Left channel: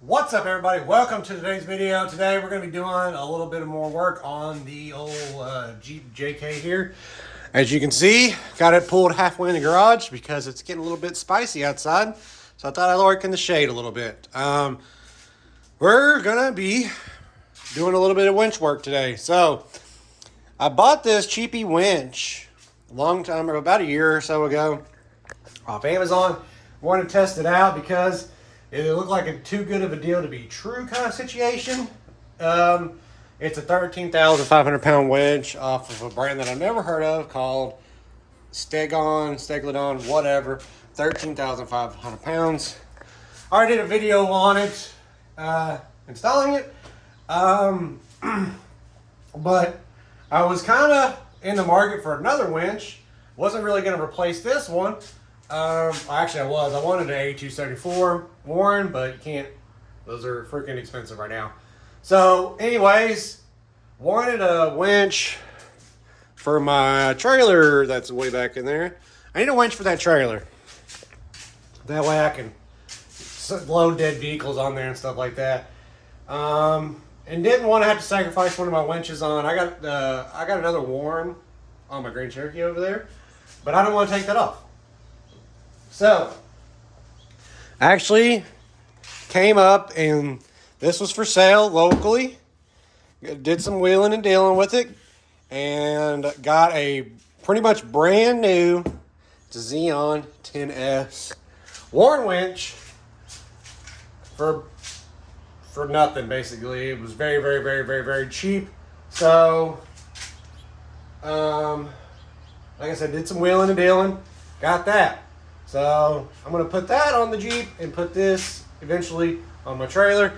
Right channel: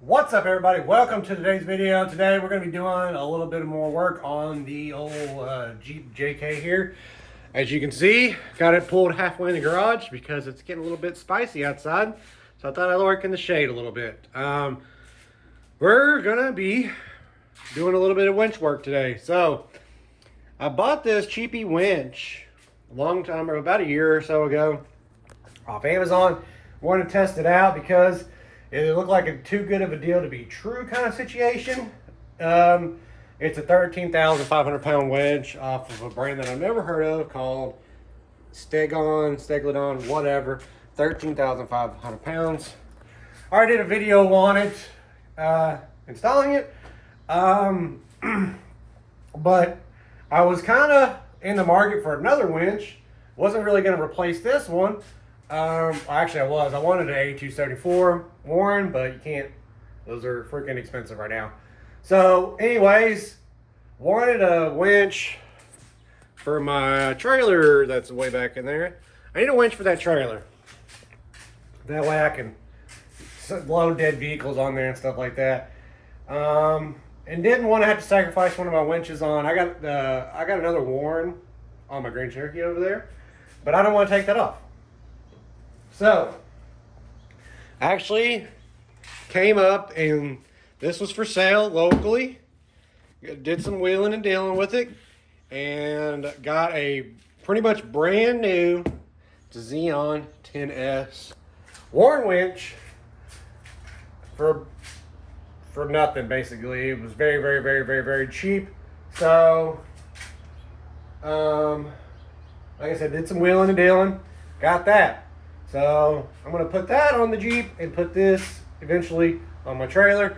What's up, everybody? Welcome to today's video. Today we're going to be doing a little bit more work on the old Jeep JK here. As you can see, got it pulled halfway in the garage because it's getting a little bit spicy outside. So I thought I'd work in the shade a little bit. We're going to be doing a little bit of winch work today. So I bought this cheapy winch a long time, or about a year or so ago, off Amazon. Wanted to test it out because it looked like a too good of a deal to be true kind of situation. It's a 13,500 pound wedge off of a brand that I've never heard of called Stegodon, whatever. 13,500 pounds. I already did a video on it, installing it. But I was kind of in the market for another winch. Wasn't really going to replace this one. Actually, I wanted an 8274 Warren, but you can't. Those are freaking expensive right now. So, anyways, wanted a winch for my trailer that's way back in there. I need a winch for that trailer. That way I can load dead vehicles on there and stuff like that. And didn't want to have to sacrifice one of my winches on. I got another Warren on my Grand Cherokee over there, but I don't want to take that off. So, actually came up and this was for sale locally. Did some wheeling and dealing with it and got a pretty much brand new Zeon 10S Warren winch for nothing, basically. It was very cheap. So, like I said, did some wheeling and dealing, got that. So I'm going to put that on the Jeep and put this eventually on my trailer.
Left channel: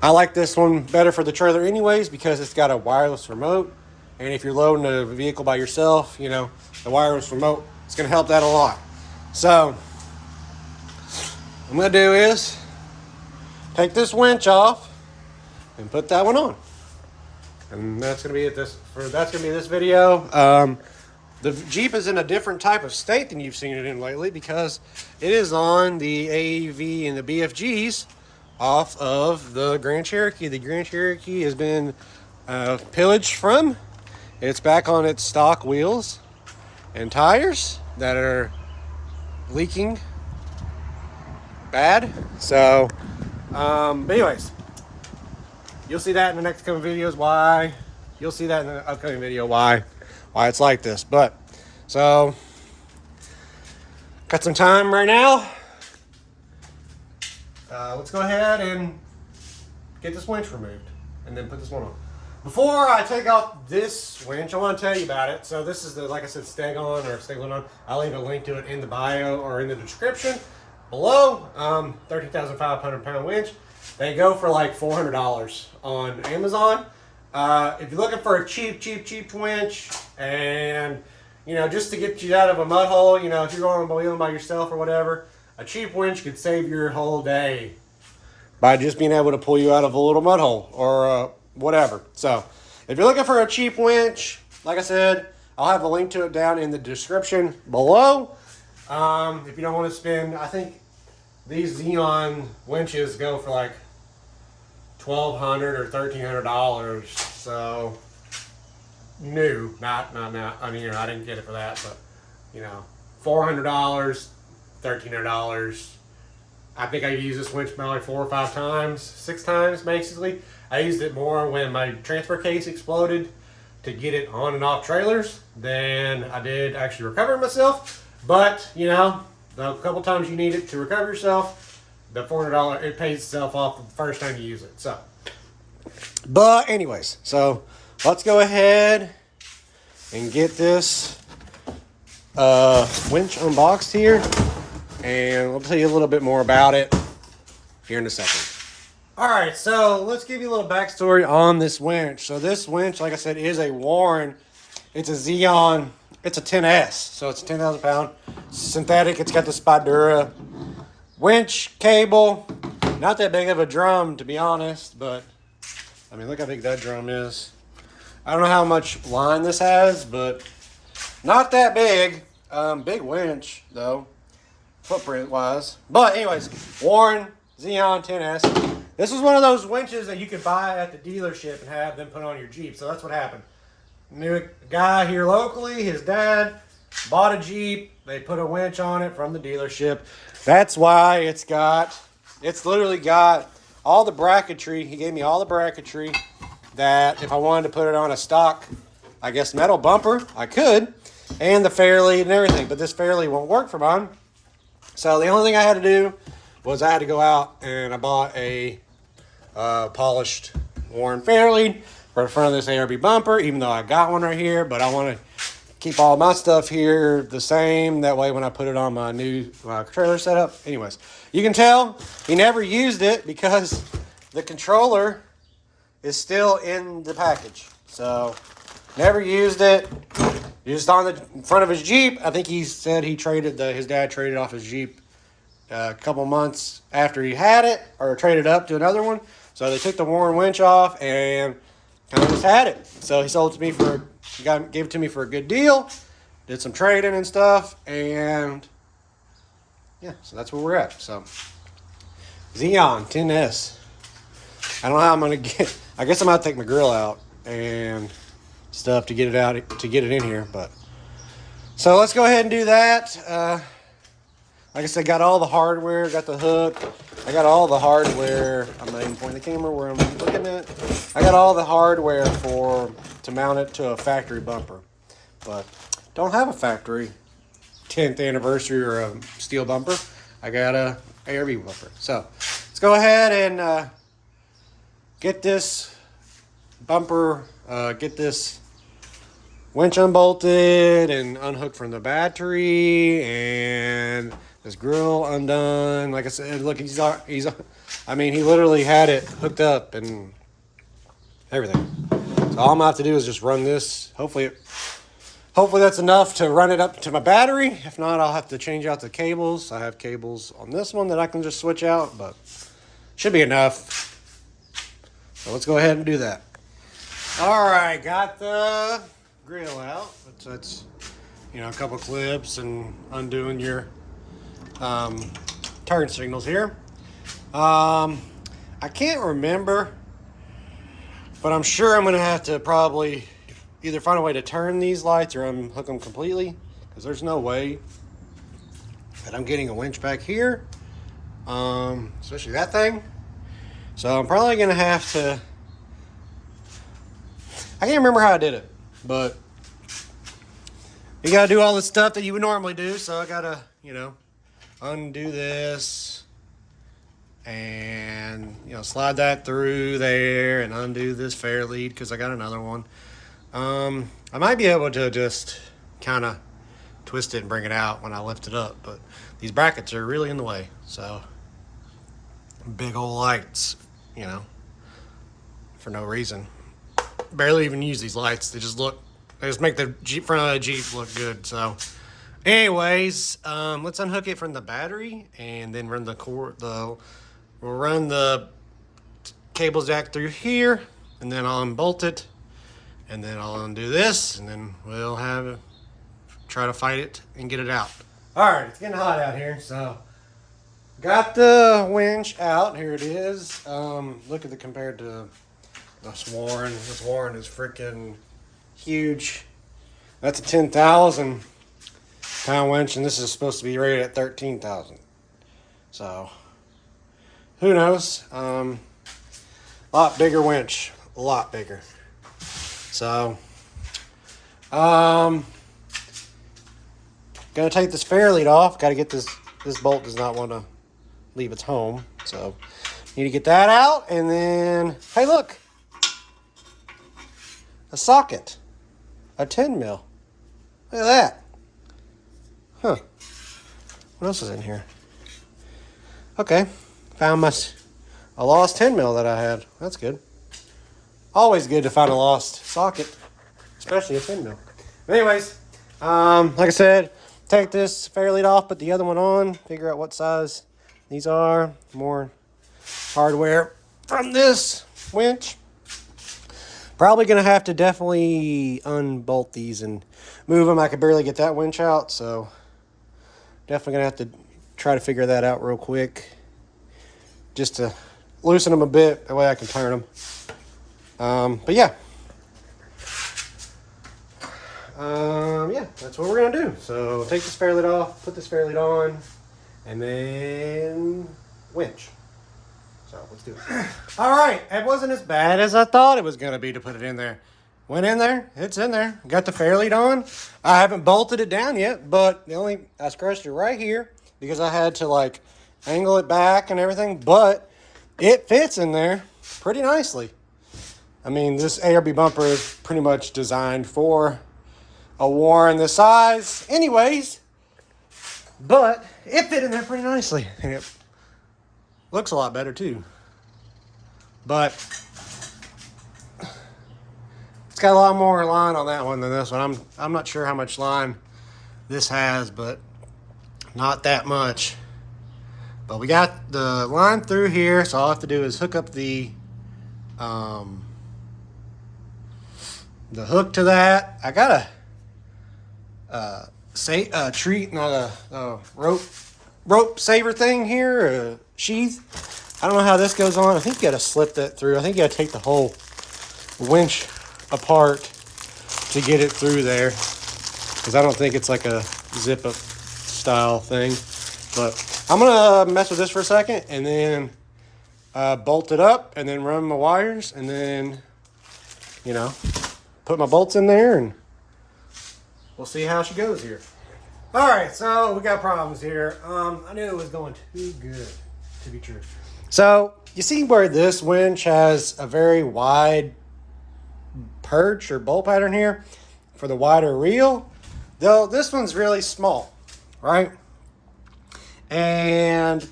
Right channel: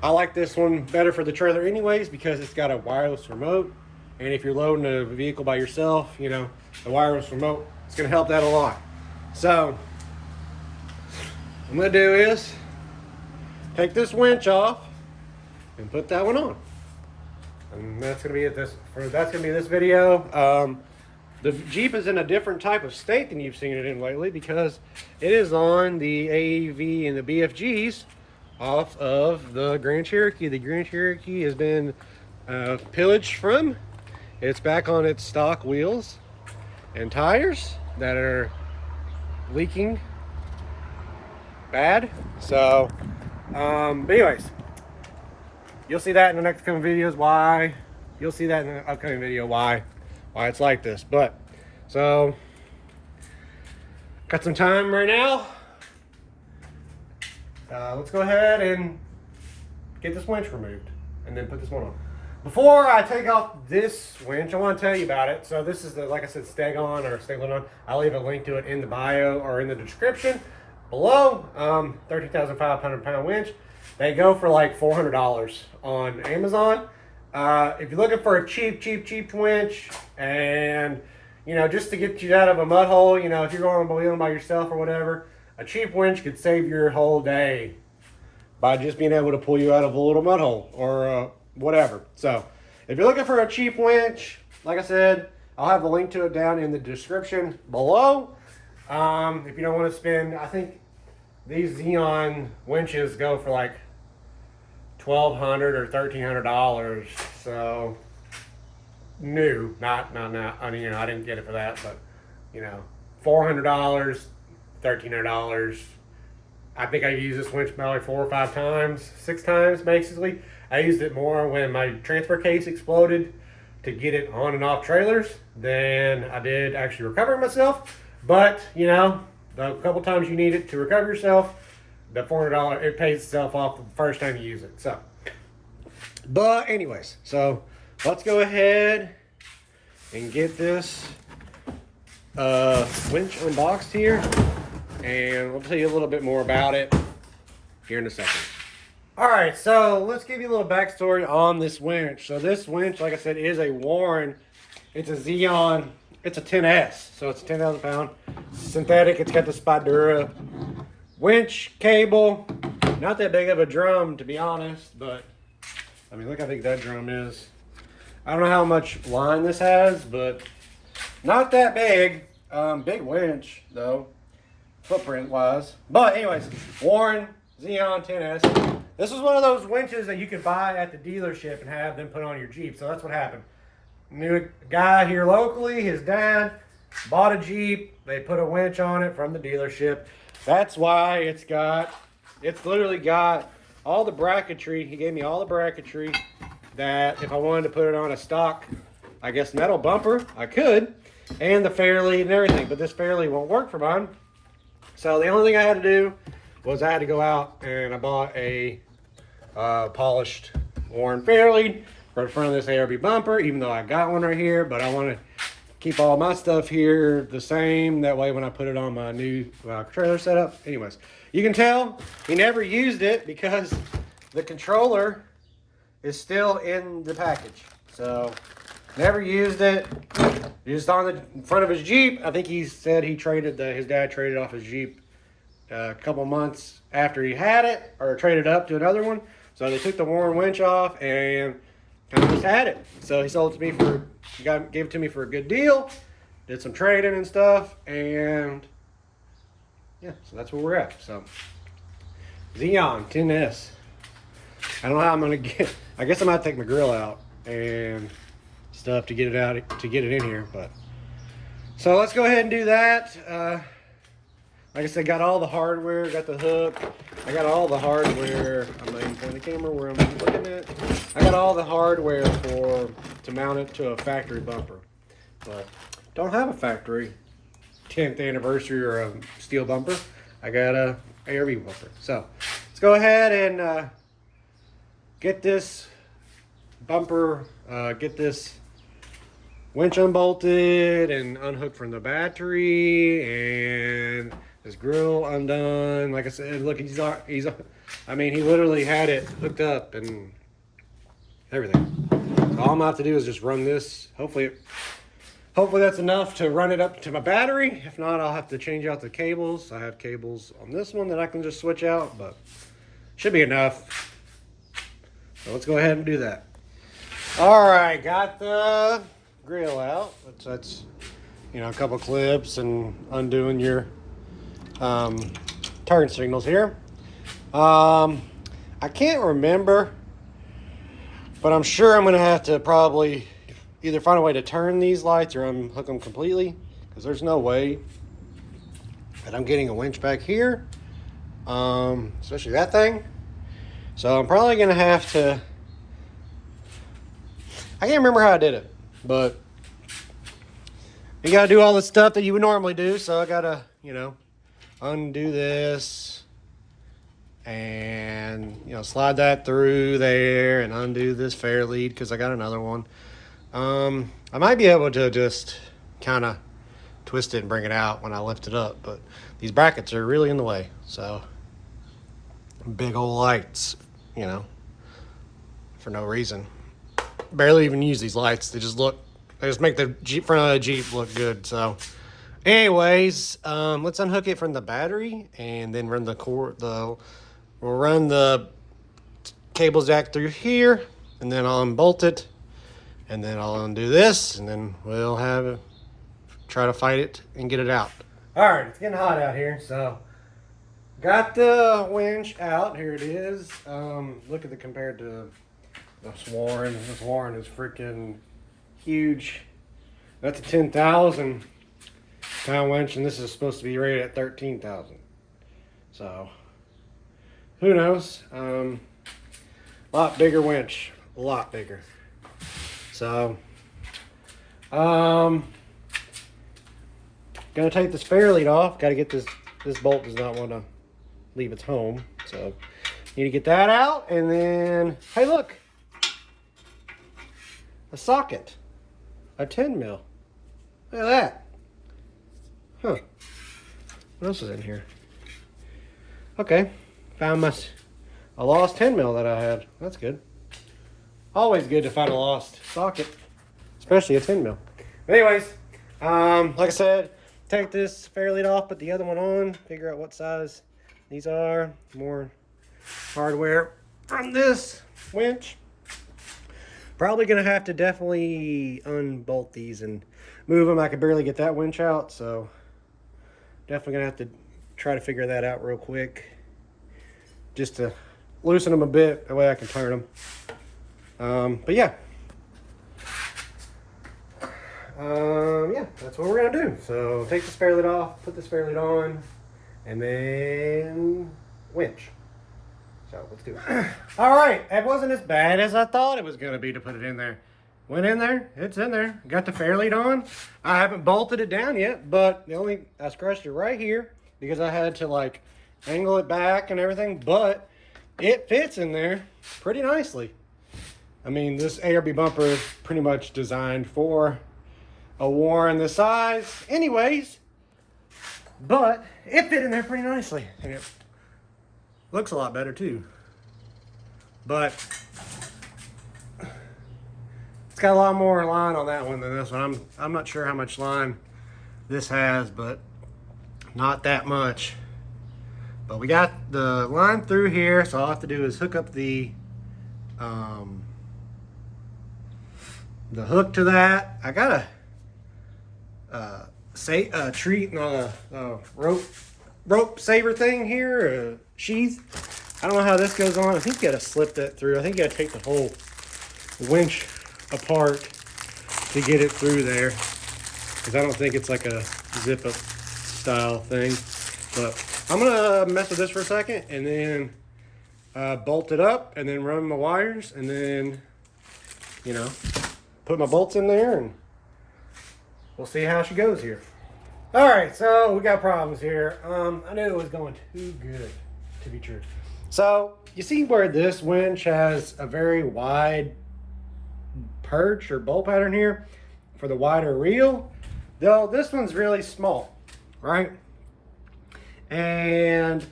I like this one better for the trailer anyways because it's got a wireless remote. And if you're loading a vehicle by yourself, you know, the wireless remote is going to help that a lot. So what I'm going to do is take this winch off and put that one on. And that's going to be this video. The Jeep is in a different type of state than you've seen it in lately because it is on the AEV and the BFGs off of the Grand Cherokee. The Grand Cherokee has been pillaged from. It's back on its stock wheels and tires that are leaking bad. So, but anyways, you'll see that in the next coming videos why. You'll see that in the upcoming video why it's like this. But so got some time right now. Let's go ahead and get this winch removed and then put this one on. Before I take off this winch, I want to tell you about it. So this is the, like I said, Stegodon. I'll leave a link to it in the bio or in the description below. 13,500 pound winch. They go for like $400 on Amazon. If you're looking for a cheap winch and, you know, just to get you out of a mud hole, you know, if you're going wheeling by yourself or whatever, a cheap winch could save your whole day by just being able to pull you out of a little mud hole or whatever. So if you're looking for a cheap winch, like I said, I'll have a link to it down in the description below. If you don't want to spend, I think these Zeon winches go for like $1,200 or $1,300. So new, not. I mean, you know, I didn't get it for that, but you know, $400, $1,300. I think I used this winch probably 4 or 5 times, 6 times basically. I used it more when my transfer case exploded to get it on and off trailers than I did actually recover myself. But you know, the couple times you need it to recover yourself, the $400, it pays itself off the first time you use it. So, but anyways, so let's go ahead and get this winch unboxed here, and I'll tell you a little bit more about it here in a second. All right, so let's give you a little backstory on this winch. So this winch, like I said, is a Warren. It's a Zeon. It's a 10S, so it's a 10,000 pound synthetic. It's got the Spydura winch cable. Not that big of a drum, to be honest, but I mean, look how big that drum is. I don't know how much line this has, but not that big. Big winch though, footprint wise. But anyways, Warren Zeon 10S. This was one of those winches that you could buy at the dealership and have them put on your Jeep. So that's what happened. Knew a guy here locally, his dad bought a Jeep. They put a winch on it from the dealership. That's why it's literally got all the bracketry. He gave me all the bracketry that if I wanted to put it on a stock, I guess, metal bumper, I could. And the fairlead and everything. But this fairlead won't work for mine. So the only thing I had to do was I had to go out and I bought a polished worn fairlead for the front of this ARB bumper, even though I got one right here. But I want to keep all my stuff here the same. That way when I put it on my new trailer setup. Anyways, you can tell he never used it because the controller is still in the package. So never used it. Just on the front of his Jeep. I think he said he traded his dad traded off his Jeep a couple months after he had it, or traded up to another one. So they took the worn winch off and kind of just had it. So he sold it to me gave it to me for a good deal. Did some trading and stuff, and yeah, so that's where we're at. So Zeon 10S. I don't know how I'm gonna get. I guess I'm gonna take my grill out and stuff to get it in here. But so let's go ahead and do that. Like I said, got all the hardware, got the hook. I got all the hardware. I'm not even pointing the camera where I'm looking at. I got all the hardware to mount it to a factory bumper, but don't have a factory 10th anniversary or a steel bumper. I got a ARB bumper. So let's go ahead and get this bumper, get this winch unbolted and unhooked from the battery, and this grill undone. Like I said, look, I mean, he literally had it hooked up and everything. So all I'm gonna have to do is just run this. Hopefully that's enough to run it up to my battery. If not, I'll have to change out the cables. I have cables on this one that I can just switch out, but should be enough. So let's go ahead and do that. All right, got the grill out. That's a couple clips and undoing your turn signals here. I can't remember, but I'm sure I'm gonna have to probably either find a way to turn these lights or unhook them completely, because there's no way that I'm getting a winch back here, especially that thing. So I'm probably gonna have to, I can't remember how I did it, but you gotta do all the stuff that you would normally do. So I gotta, undo this and, slide that through there and undo this fairlead because I got another one. I might be able to just kind of twist it and bring it out when I lift it up, but these brackets are really in the way. So big old lights, for no reason. Barely even use these lights. They just make the Jeep front of the Jeep look good. So anyways, let's unhook it from the battery and then run we'll run the cable jack through here, and then I'll unbolt it, and then I'll undo this, and then we'll try to fight it and get it out. All right, it's getting hot out here, so got the winch out. Here it is. Look at compared to this Warren. This Warren is freaking huge. That's a 10,000 pound winch, and this is supposed to be rated at 13,000. So who knows? A lot bigger winch, a lot bigger. So gonna take this fairlead off. Got to get this bolt does not want to leave its home, so need to get that out. And then, hey, look, a socket, a 10 mil. Look at that. Huh. What else is in here? Okay, found a lost 10 mil that I had. That's good. Always good to find a lost socket, especially a 10 mil. Anyways, like I said, take this fairlead off, put the other one on, figure out what size these are. More hardware from this winch. Probably gonna have to definitely unbolt these and move them. I could barely get that winch out, so definitely gonna have to try to figure that out real quick. Just a loosen them a bit, that way I can turn them. But yeah. Yeah, that's what we're gonna do. So take the spare lid off, put the spare lid on, and then winch. So let's do it. All right, it wasn't as bad as I thought it was gonna be to put it in there. Went in there, it's in there. Got the fair lead on. I haven't bolted it down yet, but I scratched it right here because I had to like angle it back and everything, but it fits in there pretty nicely. I mean, this ARB bumper is pretty much designed for a Warren this size anyways, but it fit in there pretty nicely, and it looks a lot better too. But it's got a lot more line on that one than this one. I'm not sure how much line this has, but not that much. But we got the line through here, so all I have to do is hook up the hook to that. I got a rope saver thing here, a sheath. I don't know how this goes on. I think you got to slip that through. I think you got to take the whole winch apart to get it through there, because I don't think it's like a zip up style thing. But I'm gonna mess with this for a second and then bolt it up and then run my wires and then, you know, put my bolts in there and we'll see how she goes here. All right, so we got problems here. I knew it was going too good to be true. So you see where this winch has a very wide perch or bolt pattern here for the wider reel, though this one's really small, right? And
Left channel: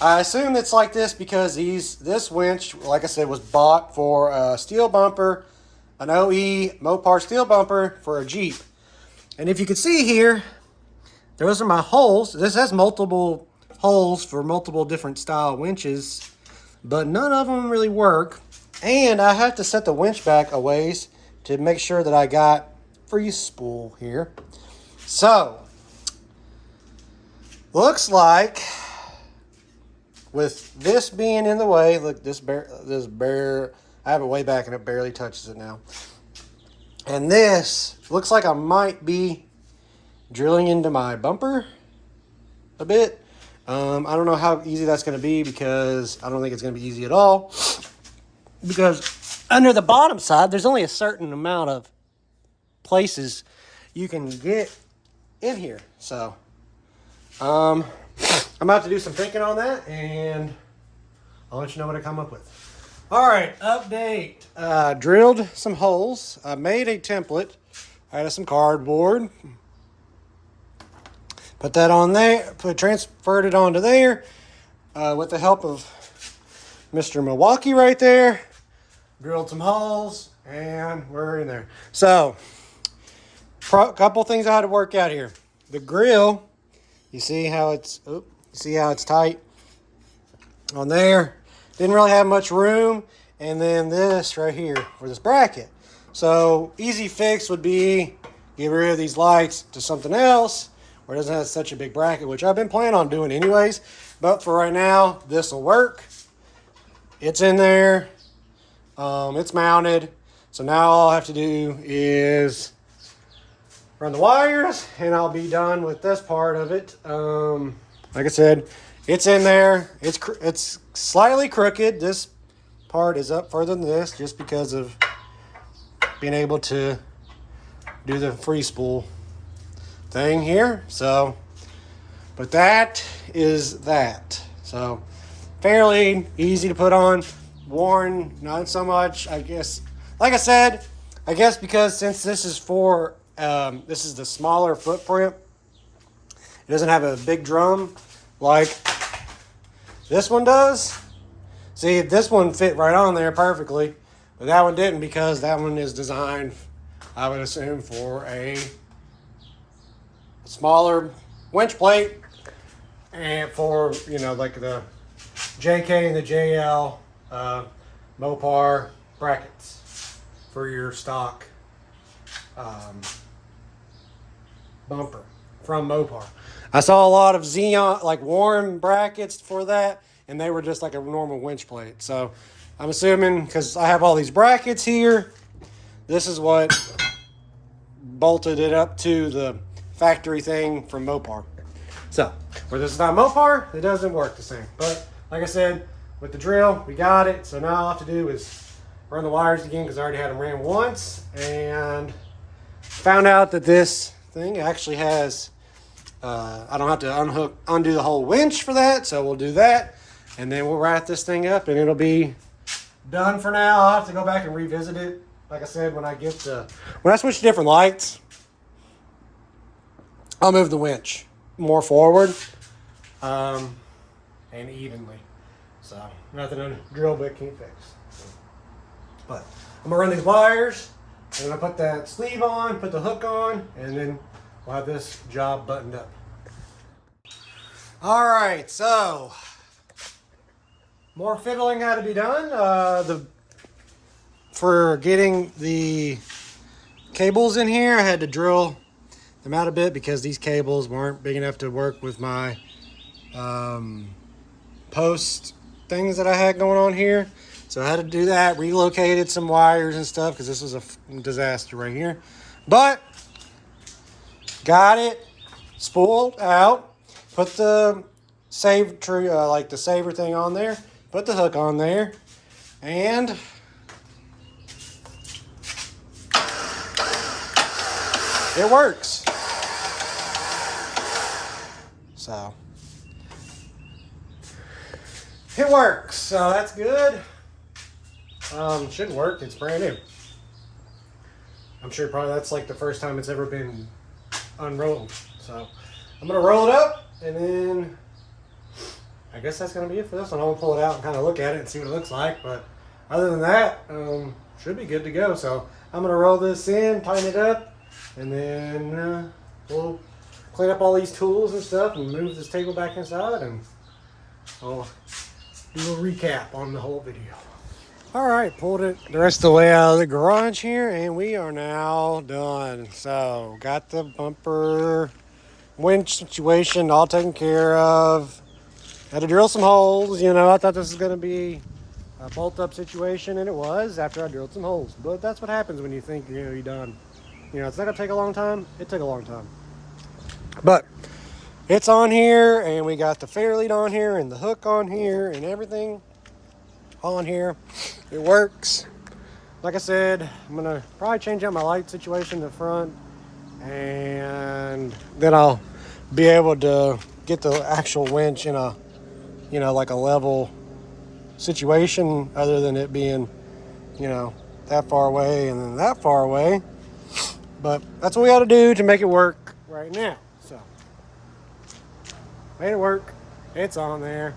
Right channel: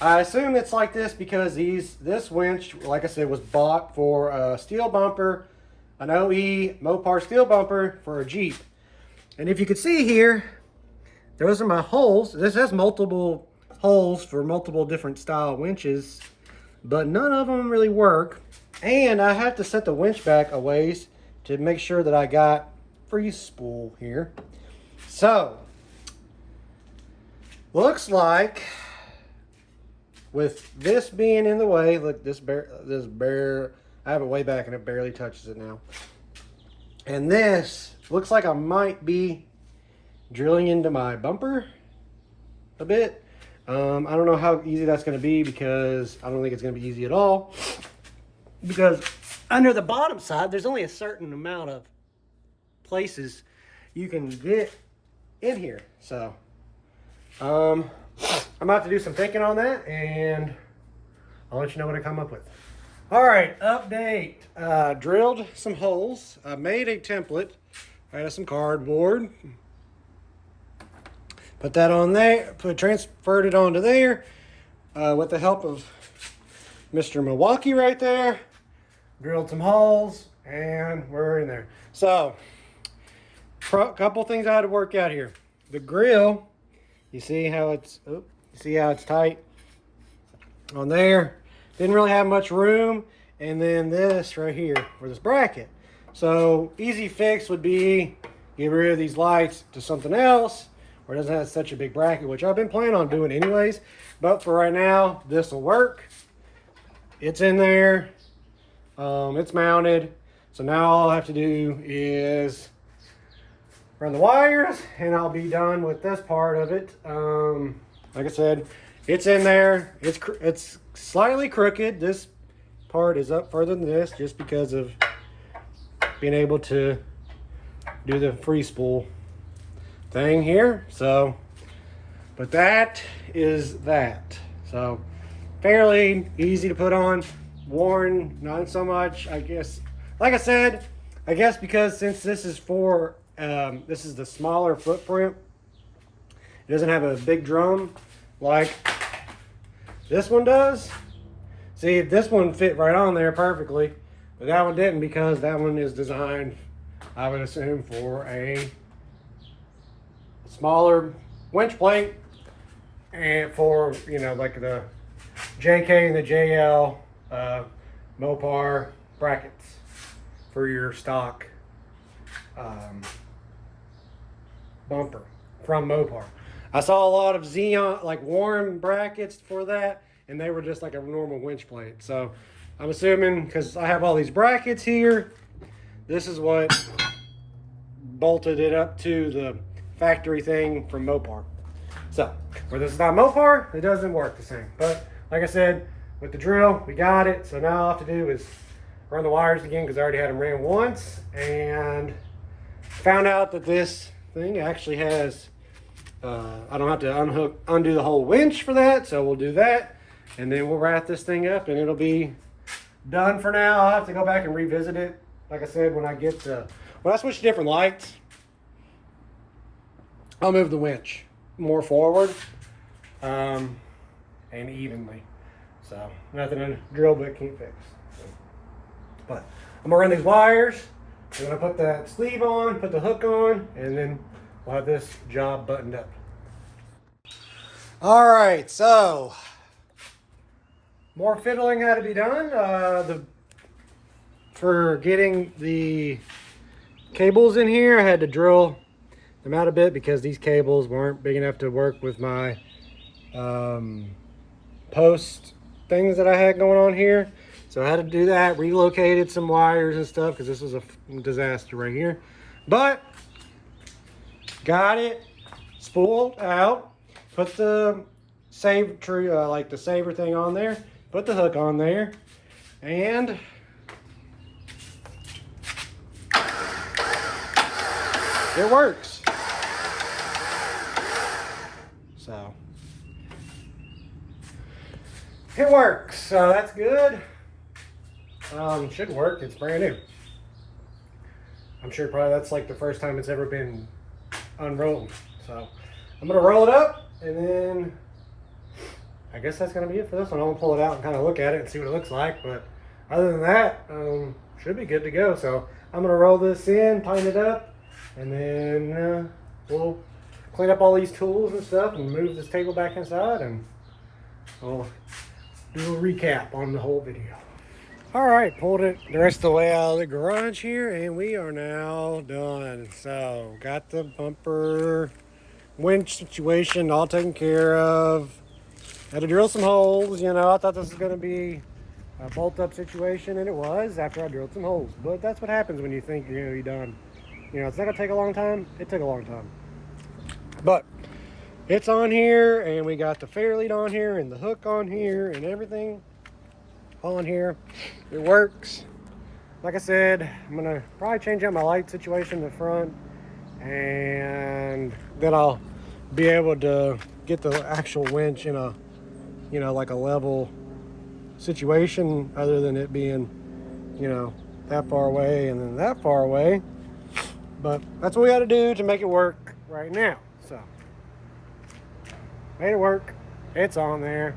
I assume it's like this because this winch, like I said, was bought for a steel bumper, an OE Mopar steel bumper for a Jeep. And if you can see here, those are my holes. This has multiple holes for multiple different style winches, but none of them really work. And I have to set the winch back a ways to make sure that I got free spool here. So, looks like with this being in the way, look, this bare, I have it way back and it barely touches it now. And this looks like I might be drilling into my bumper a bit. I don't know how easy that's going to be, because I don't think it's going to be easy at all. Because under the bottom side, there's only a certain amount of places you can get in here. So, I'm about to do some thinking on that, and I'll let you know what I come up with. All right, update. Drilled some holes. I made a template out of some cardboard. Put that on there, transferred it onto there with the help of Mr. Milwaukee right there. Drilled some holes, and we're in there. So, couple things I had to work out here. The grill, you see how it's tight on there. Didn't really have much room. And then this right here for this bracket. So, easy fix would be get rid of these lights to something else where it doesn't have such a big bracket, which I've been planning on doing anyways. But for right now, this will work. It's in there. It's mounted. So now all I have to do is run the wires, and I'll be done with this part of it. Like I said, it's in there. It's slightly crooked. This part is up further than this just because of being able to do the free spool thing here. So, but that is that. So, fairly easy to put on. Warren, not so much, I guess. Like I said, I guess because since this is for, this is the smaller footprint, it doesn't have a big drum like this one does. See, this one fit right on there perfectly, but that one didn't, because that one is designed, I would assume, for a smaller winch plate, and for, you know, like the JK and the JL Mopar brackets for your stock bumper from Mopar. I saw a lot of Zeon, like Warren brackets for that. and they were just like a normal winch plate. So I'm assuming, because I have all these brackets here, this is what bolted it up to the factory thing from Mopar. So, but this is not Mopar, it doesn't work the same. But like I said, with the drill, we got it. So now all I have to do is run the wires again, because I already had them ran once, and found out that this thing actually has, I don't have to undo the whole winch for that. So we'll do that, and then we'll wrap this thing up, and it'll be done for now. I'll have to go back and revisit it. Like I said, when I switch to different lights, I'll move the winch more forward and evenly. So nothing a drill bit can't fix. But I'm gonna run these wires, I'm gonna put that sleeve on, put the hook on, and then we'll have this job buttoned up. All right, so more fiddling had to be done. For getting the cables in here, I had to drill them out a bit because these cables weren't big enough to work with my post things that I had going on here. So I had to do that, relocated some wires and stuff, because this was a disaster right here. But got it spooled out, put the save tree, like the saver thing on there, put the hook on there, and it works. So it works, so that's good. Should work, it's brand new. I'm sure probably that's like the first time it's ever been unrolled. So I'm gonna roll it up, and then I guess that's gonna be it for this one. I'm gonna pull it out and kind of look at it and see what it looks like, but other than that, should be good to go. So I'm gonna roll this in, tighten it up, and then we'll clean up all these tools and stuff and move this table back inside, and we'll do a recap on the whole video. All right, pulled it the rest of the way out of the garage here, and we are now done. So got the bumper winch situation all taken care of. Had to drill some holes. You know, I thought this was going to be a bolt up situation, and it was after I drilled some holes. But that's what happens when you think, you know, you're done. You know, it's not going to take a long time. It took a long time. But it's on here, and we got the fair lead on here, and the hook on here, and everything on here. It works. Like I said, I'm gonna probably change out my light situation in the front, and then I'll be able to get the actual winch in a, you know, like a level situation, other than it being, you know, that far away and then that far away. But that's what we got to do to make it work right now. So made it work. It's on there.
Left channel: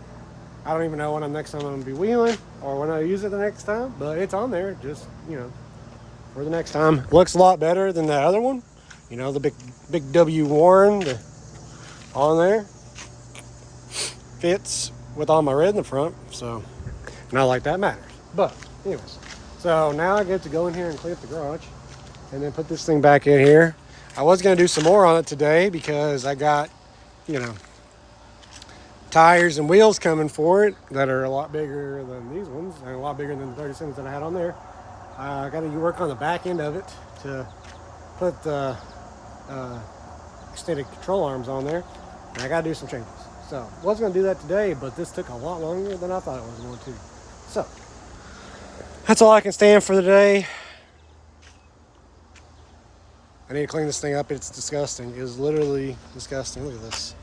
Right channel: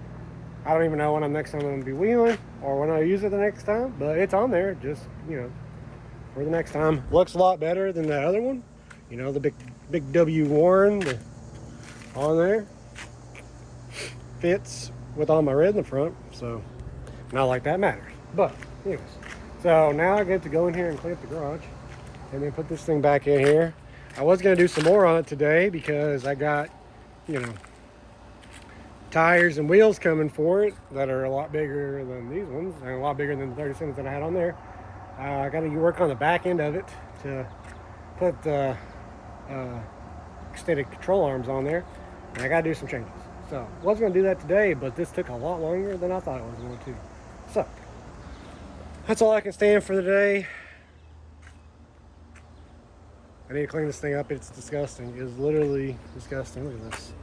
I don't even know when next time I'm gonna be wheeling or when I use it the next time, but it's on there, just, you know, for the next time. Looks a lot better than the other one. You know, the big W Warren on there. Fits with all my red in the front, so not like that matters. But anyways, so now I get to go in here and clean up the garage and then put this thing back in here. I was gonna do some more on it today because I got, you know, tires and wheels coming for it that are a lot bigger than these ones and a lot bigger than the 37s that I had on there. I got to work on the back end of it to put the extended control arms on there, and I got to do some changes. So I was going to do that today, but this took a lot longer than I thought it was going to. So that's all I can stand for today. I need to clean this thing up. It's disgusting. It is literally disgusting. Look at this.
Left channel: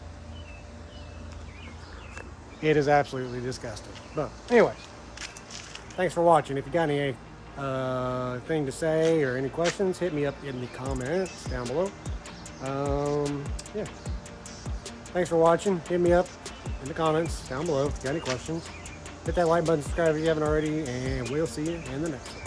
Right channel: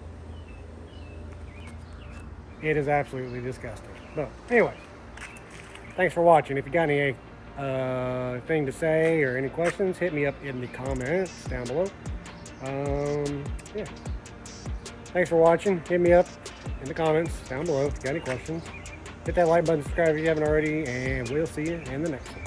It is absolutely disgusting. But anyways, thanks for watching. If you got any thing to say or any questions, hit me up in the comments down below. Yeah. Thanks for watching. Hit me up in the comments down below if you got any questions. Hit that like button, subscribe if you haven't already, and we'll see you in the next one.